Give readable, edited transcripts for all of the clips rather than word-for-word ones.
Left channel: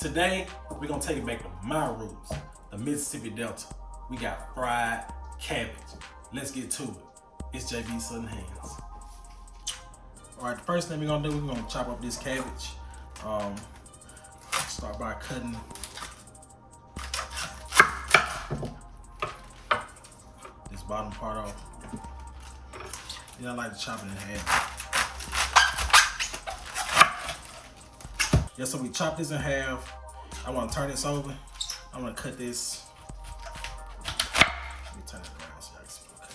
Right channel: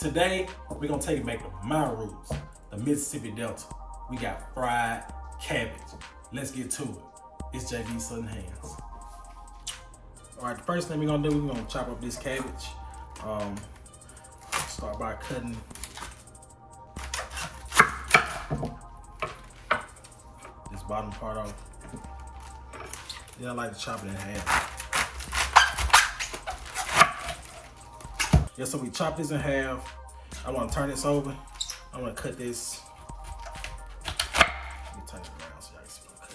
Today, we're gonna take it back to my roots, the Mississippi Delta. We got fried cabbage. Let's get to it. It's JB Southern Hands. All right, the first thing we're gonna do, we're gonna chop up this cabbage. Start by cutting this bottom part off. Then I like to chop it in half. Yeah, so we chop this in half. I want to turn this over. I'm gonna cut this. Let me turn it around so y'all can see what I'm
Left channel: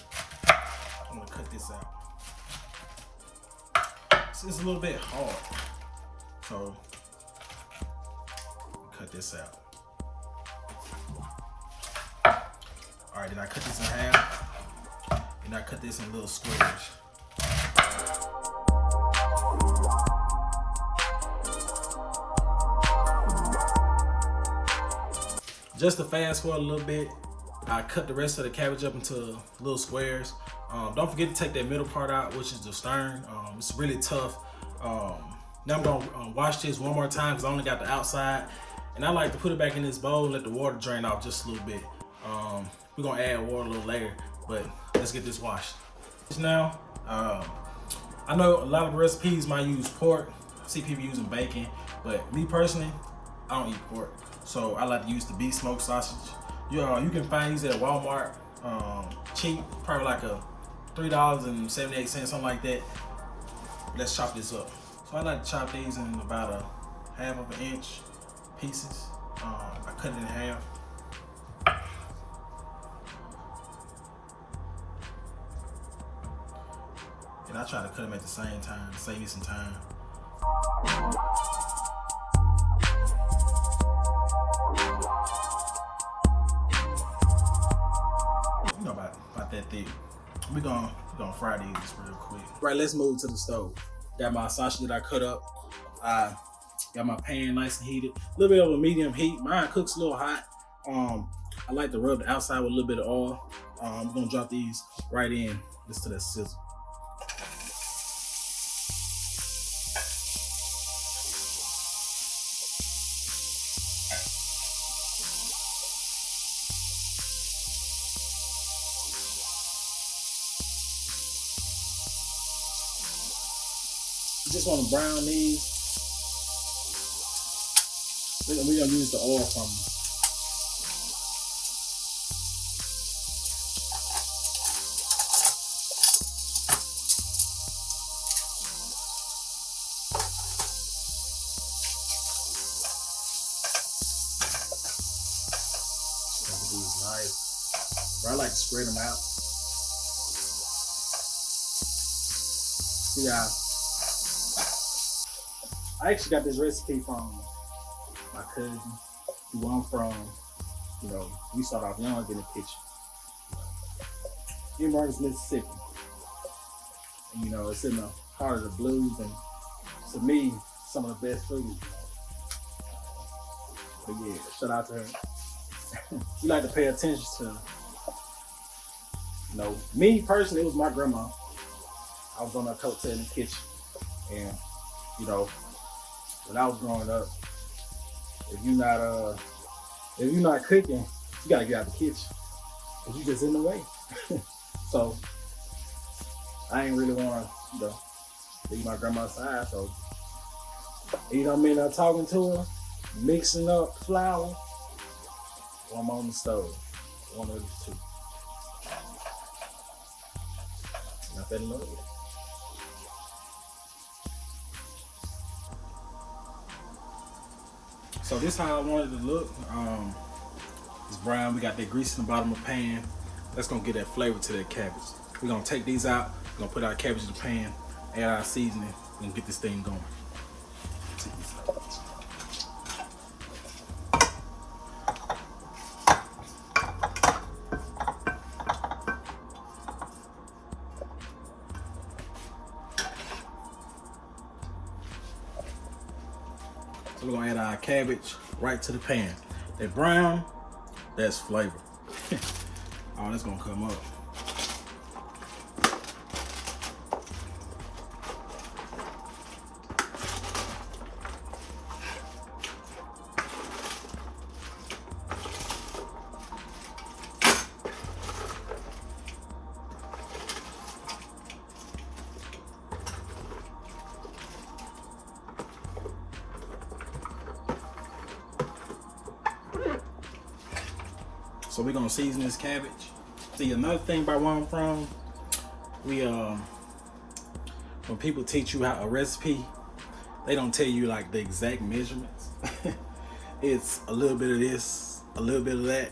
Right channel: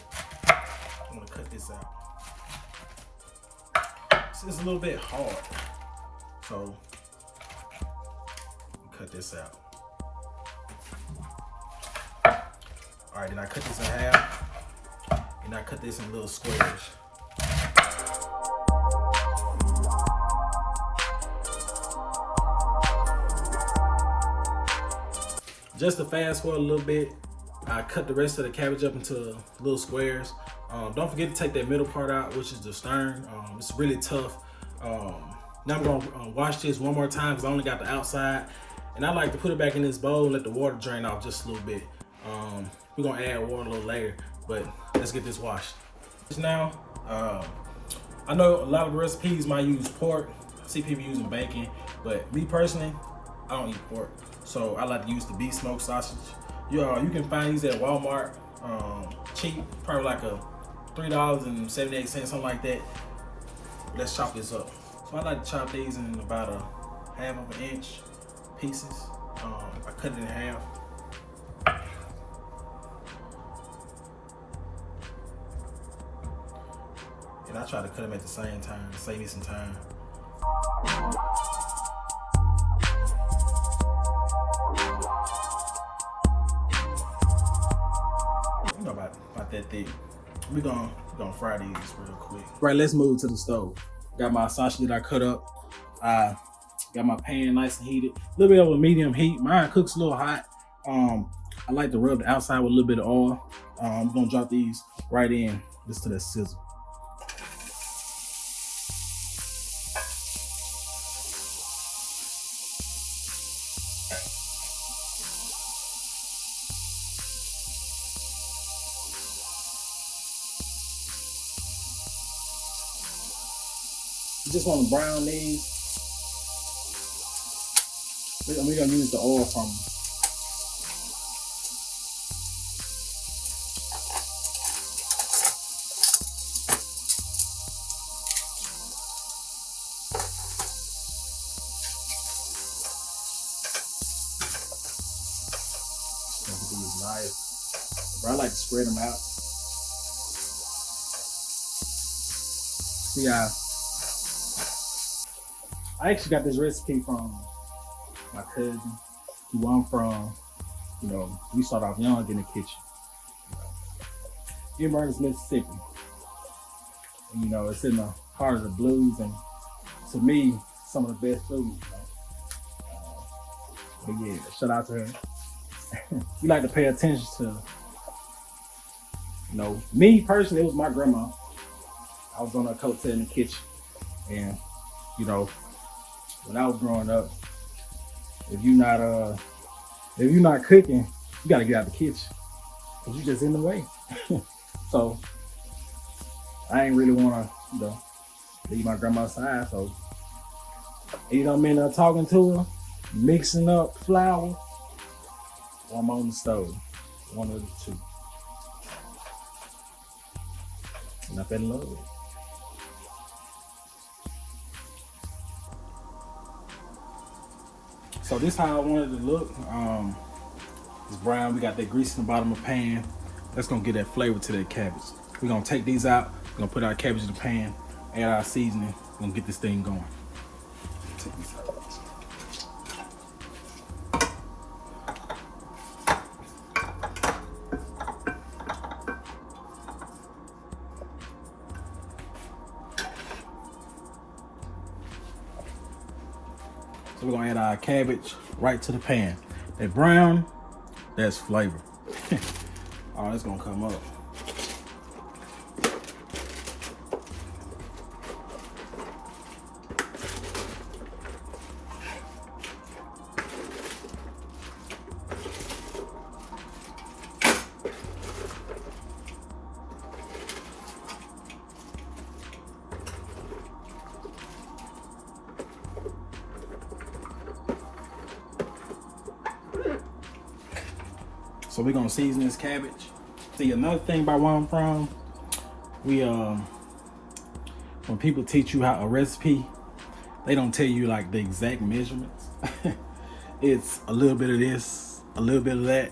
cutting. I'm gonna cut this out. It's a little bit hard, so cut this out. All right, then I cut this in half, and I cut this in little squares. Just to fast forward a little bit, I cut the rest of the cabbage up into little squares. Don't forget to take that middle part out, which is the stern. It's really tough. Now I'm gonna wash this one more time because I only got the outside. And I like to put it back in this bowl and let the water drain off just a little bit. We're gonna add water a little later, but let's get this washed. Now, I know a lot of recipes might use pork. I see people using bacon, but me personally, I don't eat pork. So I like to use the beef smoked sausage. You can find these at Walmart, cheap, probably like a $3.78, something like that. Let's chop this up. So I like to chop these in about a half of an inch pieces. I cut it in half. And I try to cut them at the same time to save me some time. About that thick. We're gonna fry these real quick. Right, let's move to the stove. Got my sausage that I cut up. I got my pan nice and heated. A little bit of a medium heat. Mine cooks a little hot. I like to rub the outside with a little bit of oil. I'm gonna drop these right in just to the sizzle. You just want to brown these. We're gonna use the oil from them. These nice. But I like to spread them out. See how I actually got this recipe from my cousin, who I'm from. You know, we started off young in the kitchen. Simmering, Mississippi. And, you know, it's in the heart of the blues, and to me, some of the best food. But yeah, shout out to him. We like to pay attention to, you know, me personally, it was my grandma. I was on her coattail in the kitchen, and you know, when I was growing up, if you're not cooking, you gotta get out of the kitchen, cause you just in the way. So I ain't really wanna, you know, leave my grandma's side. So either I'm in there talking to her, mixing up flour, or I'm on the stove. One of the two. And I fell in love with it. So this is how I wanted it to look. It's brown. We got that grease in the bottom of the pan. That's gonna get that flavor to that cabbage. We're gonna take these out. We're gonna put our cabbage in the pan, add our seasoning, and get this thing going. Take these out. So we're gonna add our cabbage right to the pan. That brown, that's flavor. Oh, it's gonna come up. So we're gonna season this cabbage. See, another thing about where I'm from, we when people teach you how a recipe, they don't tell you like the exact measurements. It's a little bit of this, a little bit of that,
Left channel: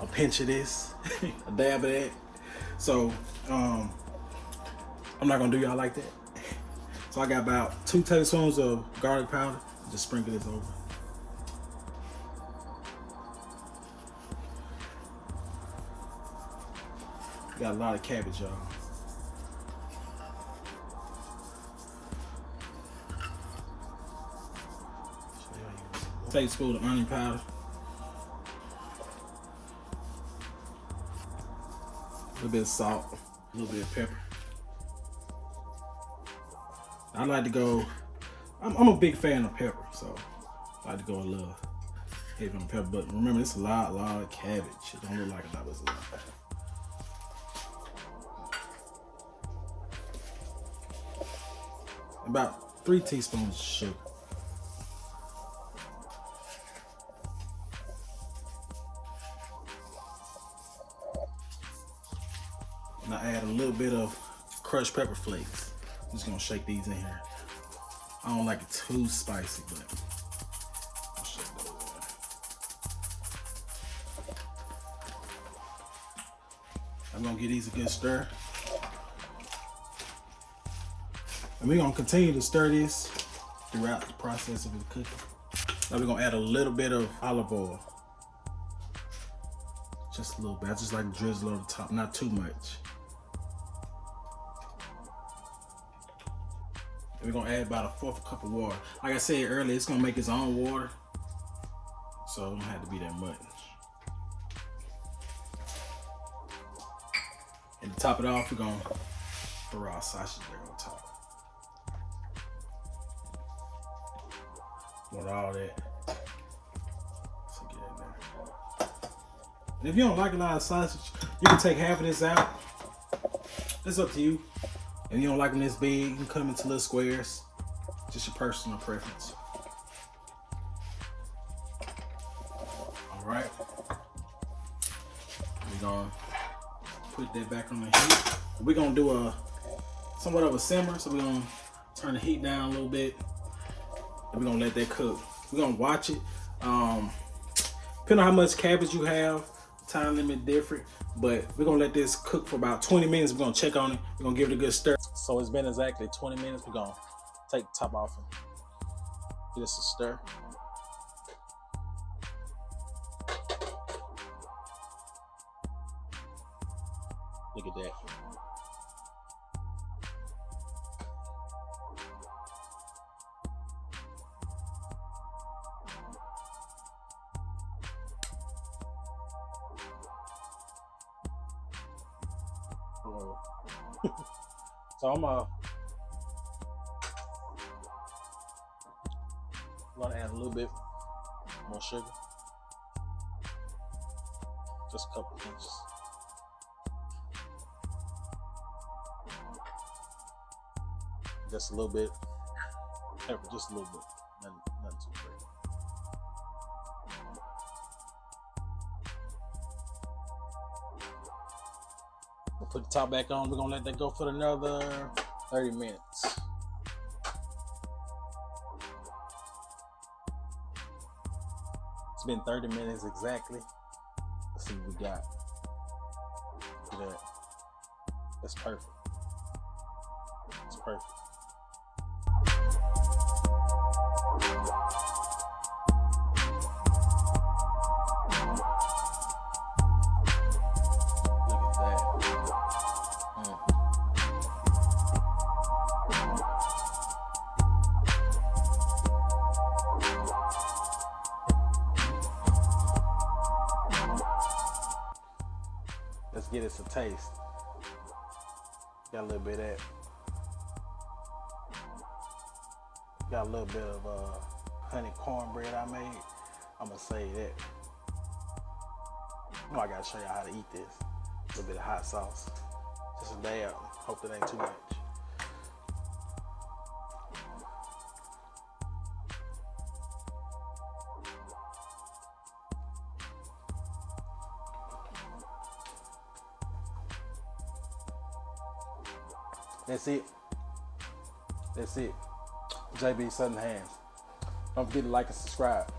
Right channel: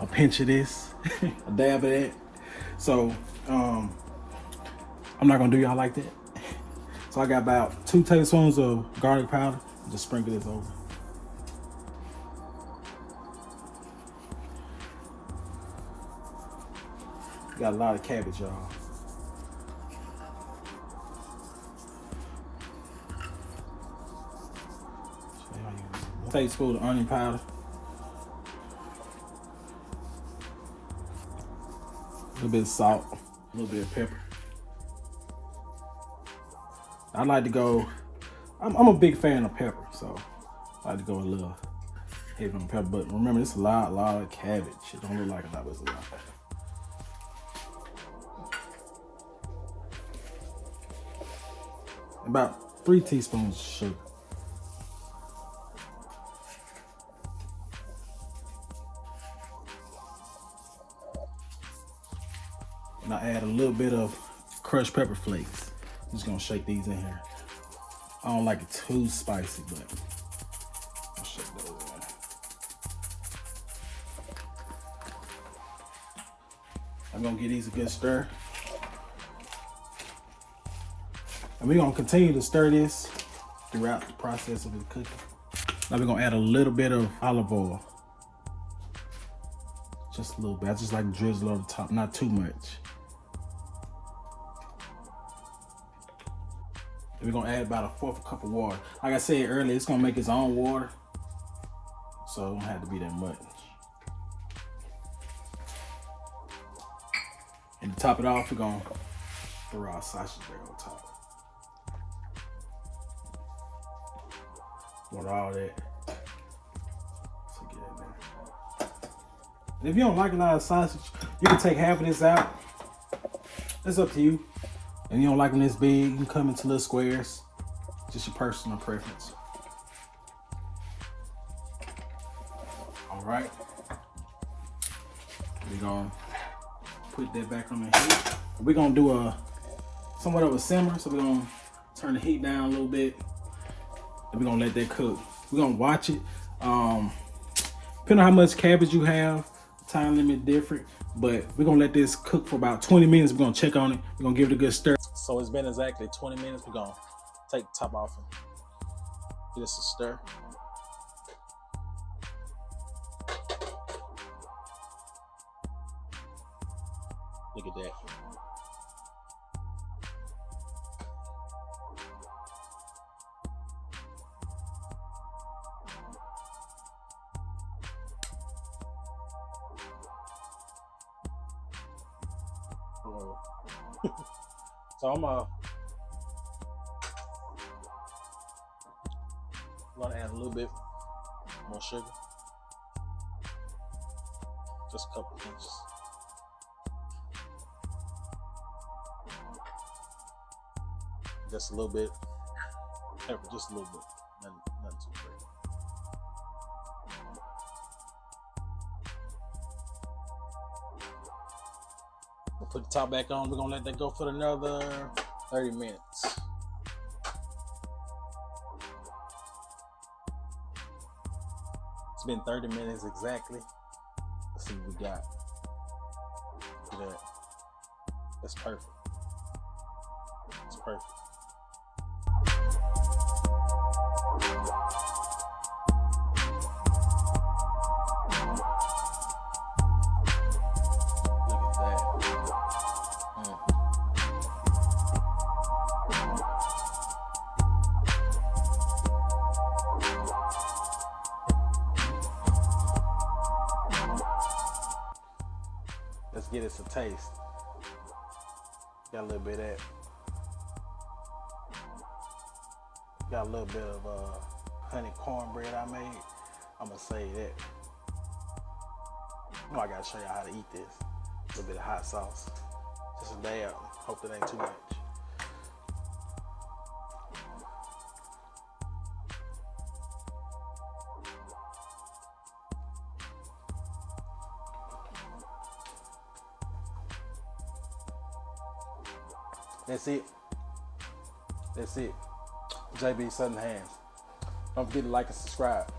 a pinch of this, a dab of that. So I'm not gonna do y'all like that. So I got about 2 tablespoons of garlic powder. Just sprinkle this over. Got a lot of cabbage, y'all. Tablespoon of onion powder. A little bit of salt, a little bit of pepper. I like to go, I'm a big fan of pepper, so I like to go a little heavy on pepper. But remember, it's a lot of cabbage. It don't look like a lot, but it's a lot. About 3 teaspoons of sugar. And I add a little bit of crushed pepper flakes. I'm just gonna shake these in here. I don't like it too spicy, but I'll shake those in. I'm gonna give these a good stir. And we're gonna continue to stir this throughout the process of it cooking. Now we're gonna add a little bit of olive oil. Just a little bit. I just like to drizzle on the top, not too much. We're gonna add about 1/4 cup of water. Like I said earlier, it's gonna make its own water, so it don't have to be that much. And to top it off, we're gonna throw our sausage there on top. Want all that to get in there. And if you don't like a lot of sausage, you can take half of this out. It's up to you. If you don't like them this big, you can cut them into little squares. Just your personal preference. All right. We're gonna put that back on the heat. We're gonna do a somewhat of a simmer, so we're gonna turn the heat down a little bit. And we're gonna let that cook. We're gonna watch it. Depending on how much cabbage you have, time limit different, but we're gonna let this cook for about 20 minutes. We're gonna check on it. We're gonna give it a good stir. So it's been exactly 20 minutes. We're gonna take the top off and give this a stir. Look at that. So I'm gonna add a little bit more sugar, just a couple pinches. Just a little bit pepper, just a little bit, nothing too crazy. We'll put the top back on. We're gonna let that go for another 30 minutes. It's been 30 minutes exactly. Let's see what we got. Look at that. That's perfect. It's perfect. Let's get us a taste. Got a little bit of that. Got a little bit of honey cornbread I made. I'm gonna save that. Oh, I gotta show you how to eat this. A little bit of hot sauce. Just a dab. Hope it ain't too much. That's it. That's it. JB Southern Hands. Don't forget to like and subscribe.